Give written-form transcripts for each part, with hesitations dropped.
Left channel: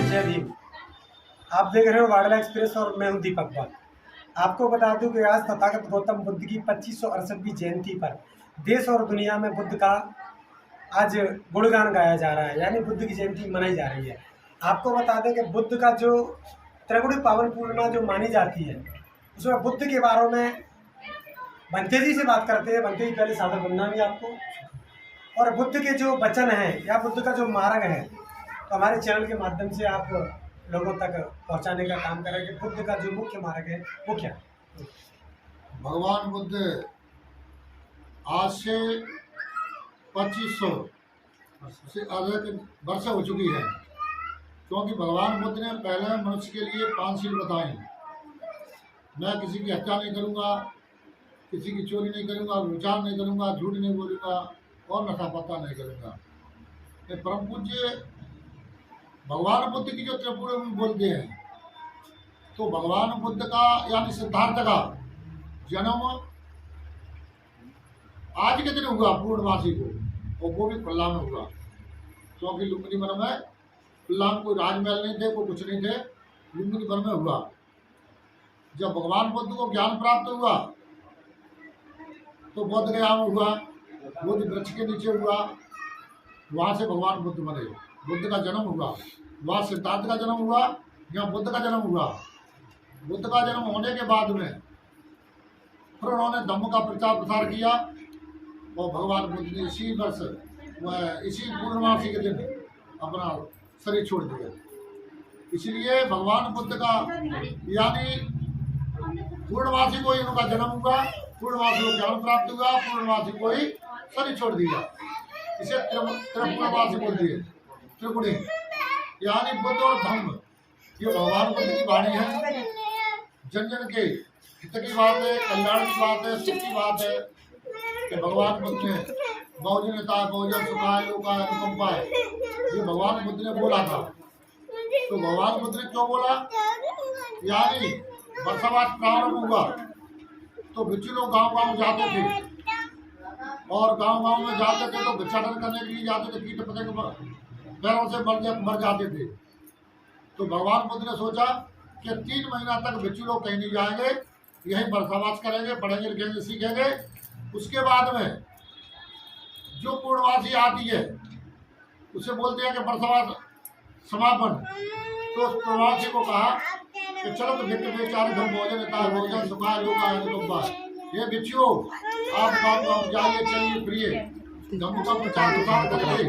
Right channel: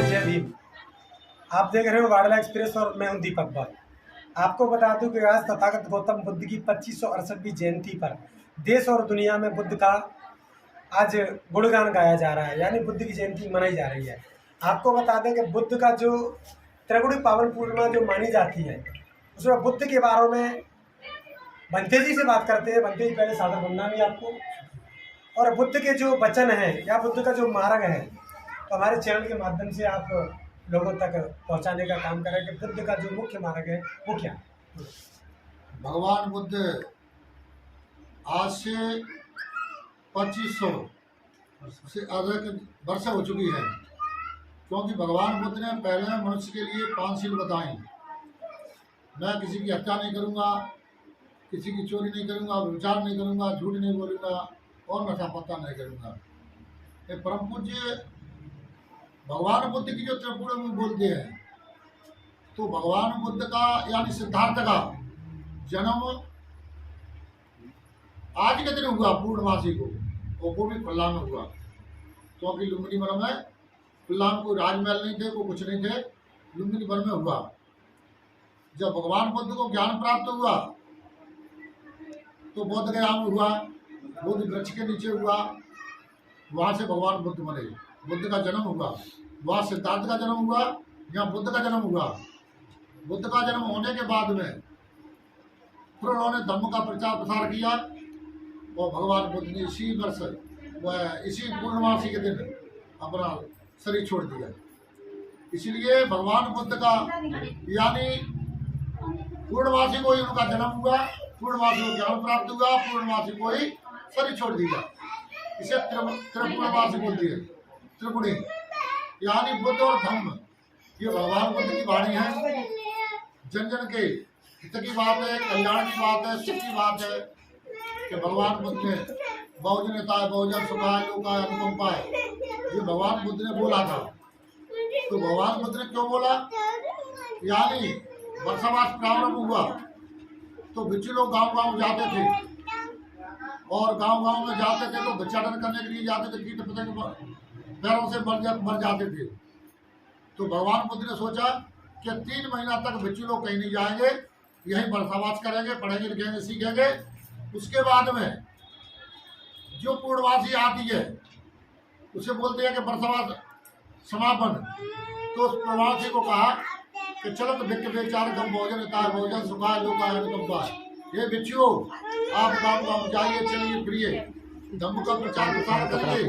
जय भीम। आप देख रहे हो वाडला एक्सप्रेस और मैं हूं दीपक भट्ट। आपको बता दूं कि आज तथागत गौतम बुद्ध की 2568वीं जयंती पर देश और दुनिया में बुद्ध का आज गुणगान गाया जा रहा है, यानी बुद्ध की जयंती मनाई जा रही है। आपको बता दें कि बुद्ध का जो त्रिगुणी पावन पूर्णिमा जो मानी जाती है, उसमें बुद्ध के बारे में बंते जी से बात करते हैं। बंते जी, पहले सादर वंदना आपको। और बुद्ध के जो वचन हैं या बुद्ध का जो मार्ग है, तो हमारे चैनल के माध्यम से आप लोगों तक पहुंचाने का काम करें कि बुद्ध का जो मुख्य मार्ग है वो क्या। भगवान बुद्ध आज से 2500 से अधिक वर्ष हो चुकी है, क्योंकि भगवान बुद्ध ने पहले मनुष्य के लिए 5 शील बताई। मैं किसी की हत्या नहीं करूंगा, किसी की चोरी नहीं करूंगा, विचार नहीं करूंगा, झूठ नहीं बोलूंगा और नशा पत्ता नहीं करूंगा। ये परम पूज्य भगवान बुद्ध की जो त्रिपुरा में बोलते हैं, तो भगवान बुद्ध का यानी सिद्धार्थ का जन्म आज के दिन हुआ पूर्णमासी को, और वो भी खुल्ला में हुआ, क्योंकि लुम्बिनी वन में खुल्ला में कोई राजमहल नहीं थे, कोई कुछ नहीं थे, लुम्बिनी वन में हुआ। जब भगवान बुद्ध को ज्ञान प्राप्त हुआ तो बोध गया में हुआ, बोध वृक्ष के नीचे हुआ, वहाँ से भगवान बुद्ध बने, बुद्ध का जन्म हुआ। वहाँ सिद्धार्थ का जन्म हुआ, यहाँ बुद्ध का जन्म हुआ। बुद्ध का जन्म होने के बाद में फिर उन्होंने धम्म का प्रचार प्रसार किया, और भगवान बुद्ध ने इसी वर्ष वह इसी पूर्णमासी के दिन अपना शरीर छोड़ दिया। इसलिए भगवान बुद्ध का यानी पूर्णमासी को ही उनका जन्म हुआ, पूर्णमासी को ज्ञान प्राप्त हुआ, पूर्णमासी को ही शरीर छोड़ दिया। इसे त्रिपूर्णमासी बोलती है, त्रिपुणी यानी बुद्ध और धम्म। ये भगवान बुद्ध की वाणी है, जन जन के हित की बात है, कल्याण की बात है, सुख की बात है कि भगवान बुद्ध ने बहुजन हिताय बहुजन सुखाय लोकाय अनुकंपाय, ये भगवान बुद्ध ने बोला था। तो भगवान बुद्ध ने क्यों बोला, यानी वर्षावास प्रारंभ हुआ तो भिक्षु लोग गांव गांव जाते थे, और गांव गांव में जाते थे तो भिक्षाटन करने के लिए जाते थे, कीट पतंग पैरों से मर जाते थे। तो भगवान बुद्ध ने सोचा कि 3 महीना तक भिक्षु लोग कहीं नहीं जाएंगे, यहीं वर्षावास करेंगे, पढ़ेंगे लिखेंगे सीखेंगे। उसके बाद में जो पूर्णवासी आती है उसे बोलते हैं कि वर्षावास समापन। तो उस पूर्णवासी को कहा कि चलो तो भिक्ख बेचारे धम भोजन हिताय भोजन सुखाय लोकाय अनुकंपाय, ये भिक्षुओं आप गाँव गाँव जाइए, चलिए फिरिए, धम्म का प्रचार प्रसार करिए,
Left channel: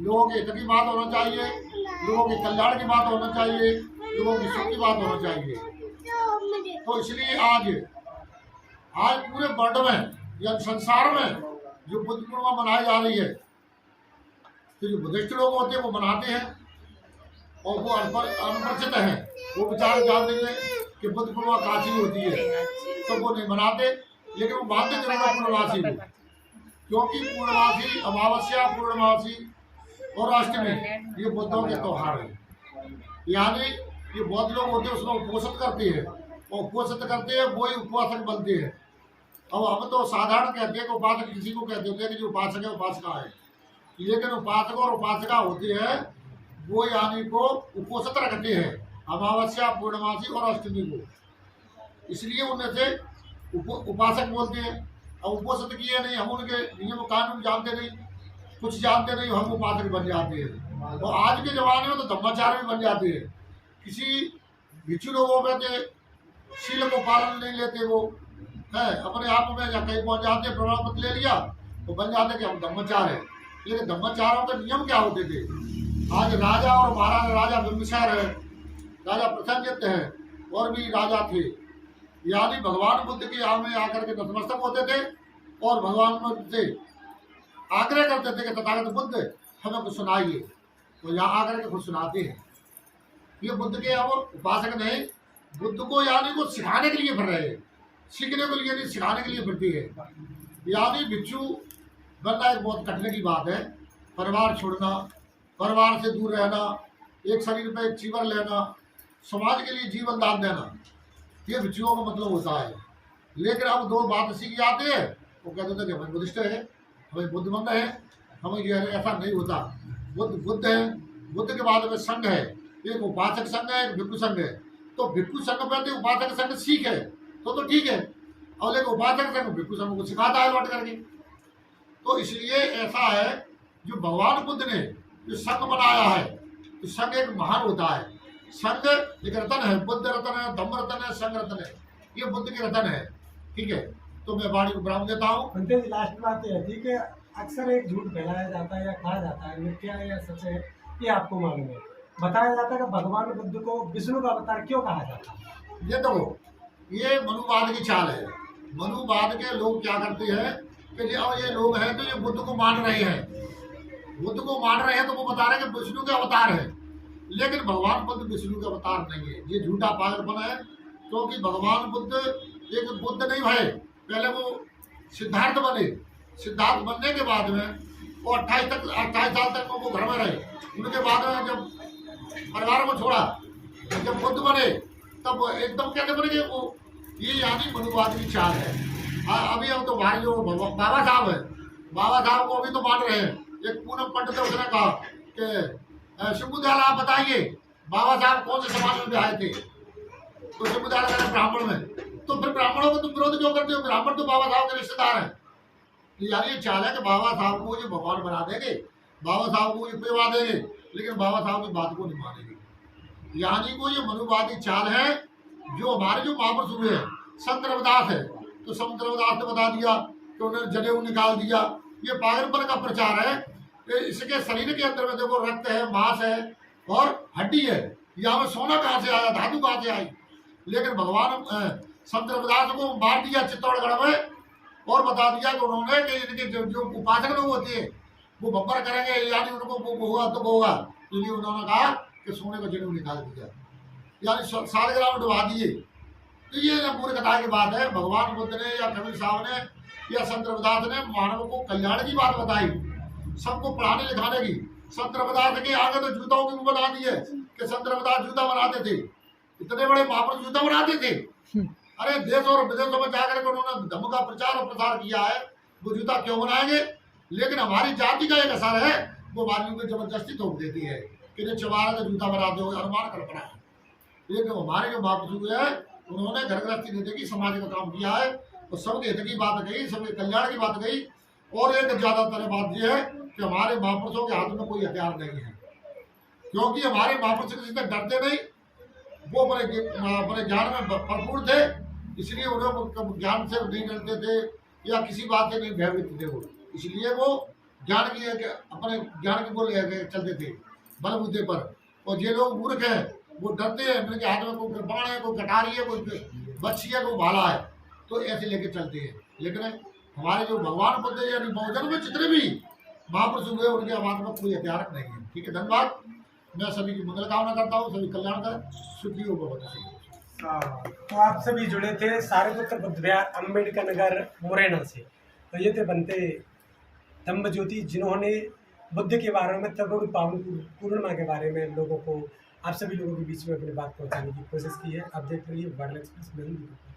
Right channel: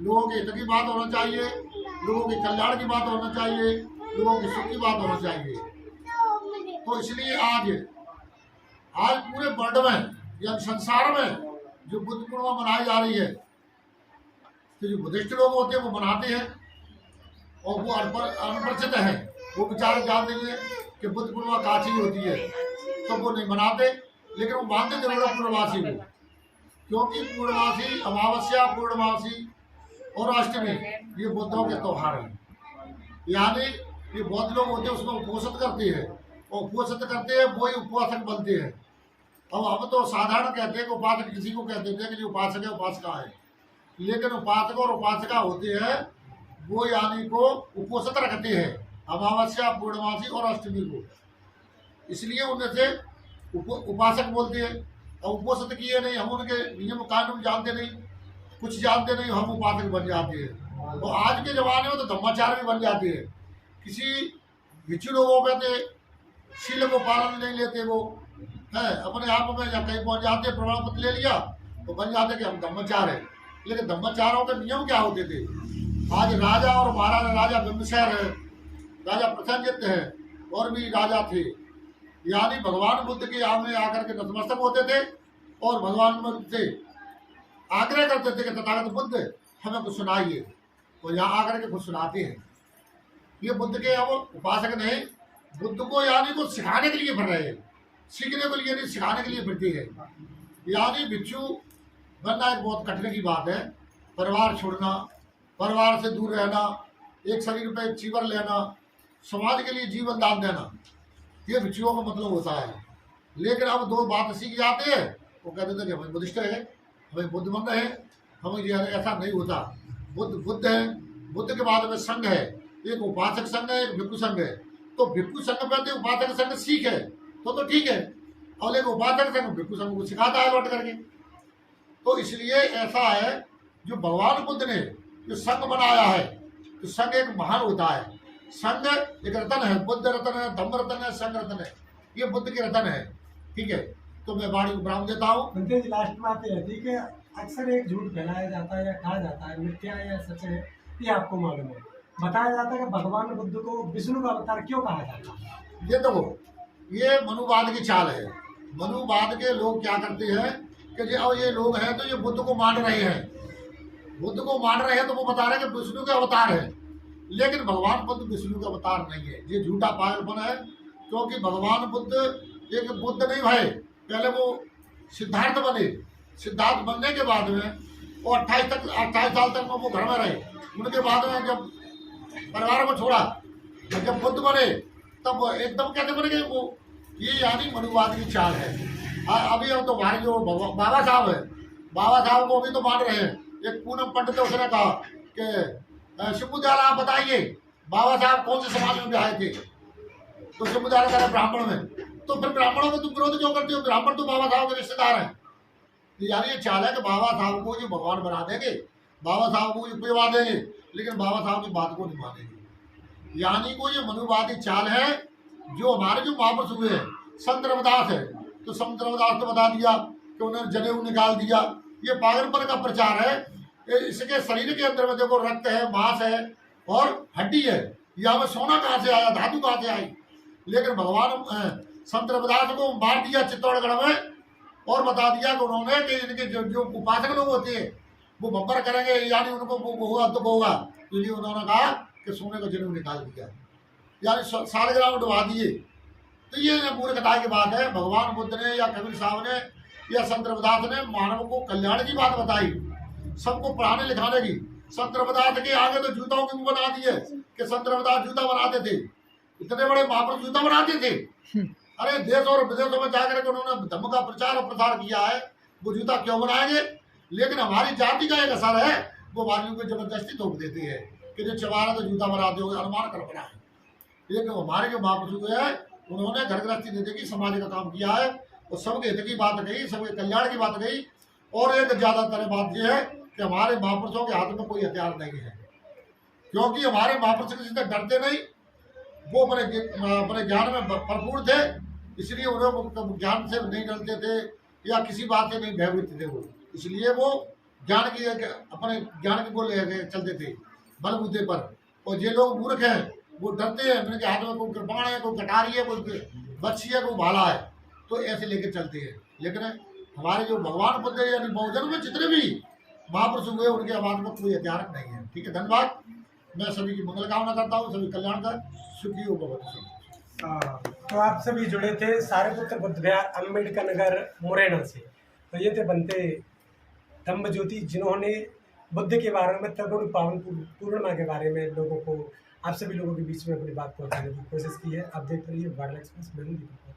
लोगों के हित की बात होना चाहिए, लोगों के कल्याण की बात होना चाहिए, लोगों की सुख की बात होना चाहिए। तो इसलिए आज पूरे वर्ल्ड में या संसार में जो बुद्ध पूर्णिमा मनाई जा रही है, तो जो बुद्धिस्ट लोग होते हैं वो मनाते हैं, और वो अनपरिचित है, वो बेचारे जानते हैं कि बुद्ध पूर्णिमा काची होती है, तो वो नहीं मनाते, लेकिन वो मानते जरूर है पूर्णमासी को, क्योंकि पूर्णमासी, अमावस्या, पूर्णमासी और अष्टमी ये बुद्धों के त्योहार हैं। यानी ये बौद्ध लोग होते हैं उसमें उपोषित करते हैं, और उपोषित करते हैं वही उपासक बनते हैं। अब हम तो साधारण कहते हैं कि उपासक किसी को कहते हैं कि जो उपासक है उपासका है, लेकिन उपासक और उपासका होते हैं वो यानी को उपोषित रखते हैं अमावस्या, पूर्णमासी और अष्टमी को, इसलिए उनमें से उपासक बोलते हैं। अब उपोषित किए नहीं, हम उनके नियम कानून जानते नहीं, कुछ जानते नहीं, हम उपासक बन जाते हैं। और आज के ज़माने में तो धम्माचार्य बन जाते हैं। किसी भिक्षु लोगों में तो शील को पालन नहीं लेते, वो है अपने आप में या कहीं पहुंच जाते, प्रमाण पत्र ले लिया तो बन जाते कि हम धम्माचार्य हैं। लेकिन धम्माचार्यों के नियम क्या होते थे। आज राजा और महाराजा, राजा बिंबिसार है, राजा प्रसेनजित है, और भी राजा थे, यानी भगवान बुद्ध के आगे आकर के नतमस्तक होते थे, और भगवान बुद्ध से आग्रह करते थे कि तथागत बुद्ध हमें कुछ सुनाइए, तो यहाँ आकर के कुछ सुनाते हैं। ये बुद्ध के अब उपासक नहीं, बुद्ध को यानी को सिखाने के लिए फिर रहे हैं, सीखने के लिए नहीं, सिखाने के लिए फिरती है। यानी भिक्षु बनना एक बहुत कठिन की बात है। परिवार छोड़ना, परिवार से दूर रहना, एक शरीर पे एक चीवर लेना, समाज के लिए जीवन दान देना, ये भिक्षुओं का मतलब होता है। लेकिन अब 2 बात सीख जाते हैं, वो कहते थे कि हमें बुद्धिस्ट है, हमें बुद्ध बनना है, हमें ये ऐसा नहीं होता। बुद्ध है, बुद्ध के बाद में संघ है, एक उपासक संघ है, एक भिक्षु संघ है। तो भिक्षु संघ पर उपासक संघ सीख है तो ठीक है, और लेकिन उपासक संघ भिक्षु संघ को सिखाता है लौट करके। तो इसलिए ऐसा है, जो भगवान बुद्ध ने जो संघ बनाया है, तो संघ एक महान होता है। संघ एक रतन है, बुद्ध रतन है, धम्म रतन है, संघ रतन है, ये बुद्ध के रतन है। ठीक है, तो मैं वाणी को विराम देता हूँ। पंडित जी, लास्ट बात है, ठीक है, अक्सर एक झूठ फैलाया जाता है या कहा जाता है, मिथ्या है या सच है, ये आपको मालूम है। बताया जाता है कि भगवान बुद्ध को विष्णु का अवतार क्यों कहा जाता है? ये देखो, ये मनुवाद की चाल है। मनुवाद के लोग क्या करते हैं कि ये लोग हैं तो ये बुद्ध को मान रहे हैं, बुद्ध को मान रहे हैं, तो वो बता रहे हैं कि विष्णु के अवतार है। लेकिन भगवान बुद्ध विष्णु का अवतार नहीं है, ये झूठा पागलपन है। क्योंकि भगवान बुद्ध एक बुद्ध नहीं भाई, पहले वो सिद्धार्थ बने। सिद्धार्थ बनने के बाद में वो 28 साल तक वो घर में रहे। उनके बाद में जब परिवार को छोड़ा, तो जब बुद्ध बने तब एकदम कैसे बने कि वो, ये यानी मनुवाद की चाल है। अभी हम तो भाई जो बाबा साहब है, बाबा साहब को अभी तो मान रहे हैं। एक पूनम पंडित उसने कहा कि शिवदयाल आप बताइए बाबा साहब कौन से समाज में आए थे, तो शिवदयाल कह रहे ब्राह्मण में। तो फिर ब्राह्मणों को तुम विरोध क्यों करते हो? ब्राह्मण तो बाबा साहब के रिश्तेदार हैं। यार ये चाल है कि बाबा साहब को जो भगवान बना देंगे, बाबा साहब को पेवा देंगे, लेकिन बाबा साहब की बात को नहीं मानेंगे। यानी को ये मनुवादी चाल है। जो हमारे जो महापुरुष हुए हैं, संत रविदास है, तो संत रविदास ने बता दिया कि उन्होंने जनेऊ निकाल दिया। ये पागलपन का प्रचार है। इसके शरीर के अंदर में देखो रक्त है, मांस है और हड्डी है। यहाँ में सोना कहाँ से आया, धातु कहाँ से आई? लेकिन भगवान संत रविदास को मार दिया चित्तौड़गढ़ में, और बता दिया कि उन्होंने कि इनके जो उपासक लोग होते हैं वो बब्बर करेंगे, यानी उनको वो होगा तो होगा। इसलिए उन्होंने कहा कि सोने का जनेऊ निकाल दिया, यानी सालगिरह में डुबा दिए। तो ये मूर्खता की बात है। भगवान बुद्ध ने या कबीर साहब ने या संत रविदास ने मानव को कल्याण की बात बताई, सबको पढ़ाने लिखाने की। संत रविदास के आगे तो जूतों की बना दिए कि संत रविदास जूता बनाते थे। इतने बड़े महापुरुष जूता बनाते थे। अरे देश और विदेशों में जाकर के उन्होंने धम्म का प्रचार और प्रसार किया है, वो जूता क्यों बनाएंगे? लेकिन हमारी जाति का एक असर है, वो वालियों को जबरदस्ती थोप देती है कि जो चबारा का जूता बनाते हो, अनुमान कल्पना है। लेकिन हमारे जो महापुरुष है उन्होंने घर गृहस्थी नहीं देखी, समाज का काम किया है और सबके हित की बात कही, सबके कल्याण की बात कही। और एक ज्यादातर बात यह है कि हमारे महापुरुषों के हाथ में कोई हथियार नहीं है, क्योंकि हमारे महापुरुष किसी से डरते नहीं। वो अपने ज्ञान में भरपूर थे, इसलिए उन्हें ज्ञान से नहीं डरते थे या किसी बात से नहीं भयभीत थे वो। इसलिए वो ज्ञान की अपने ज्ञान की बोल चलते थे बलबूते पर। और ये लोग मूर्ख हैं, वो डरते हैं, इनके हाथ में कोई कृपाण है, कोई कटारी है, कोई बच्ची है, कोई भाला है, तो ऐसे लेके चलते हैं। लेकिन हमारे जो भगवान बुद्ध यानी बहुजन में जितने भी महापुरुष हुए उनके आवाज में कोई हथियार नहीं है। ठीक है, धन्यवाद। मैं सभी की मंगल कामना करता हूँ, सभी कल्याण का सुखी हो भगवत। तो आप सभी जुड़े थे सारिपुत्र बुद्ध विहार अम्बेडकर नगर मुरैना से। तो ये थे बनते धम्म ज्योति, जिन्होंने बुद्ध के बारे में, तरुण पावन पूर्णिमा के बारे में लोगों को, आप सभी लोगों के बीच में अपनी बात पहुंचाने की कोशिश की है। आप देख रही है वार्डल एक्सप्रेस में हूं।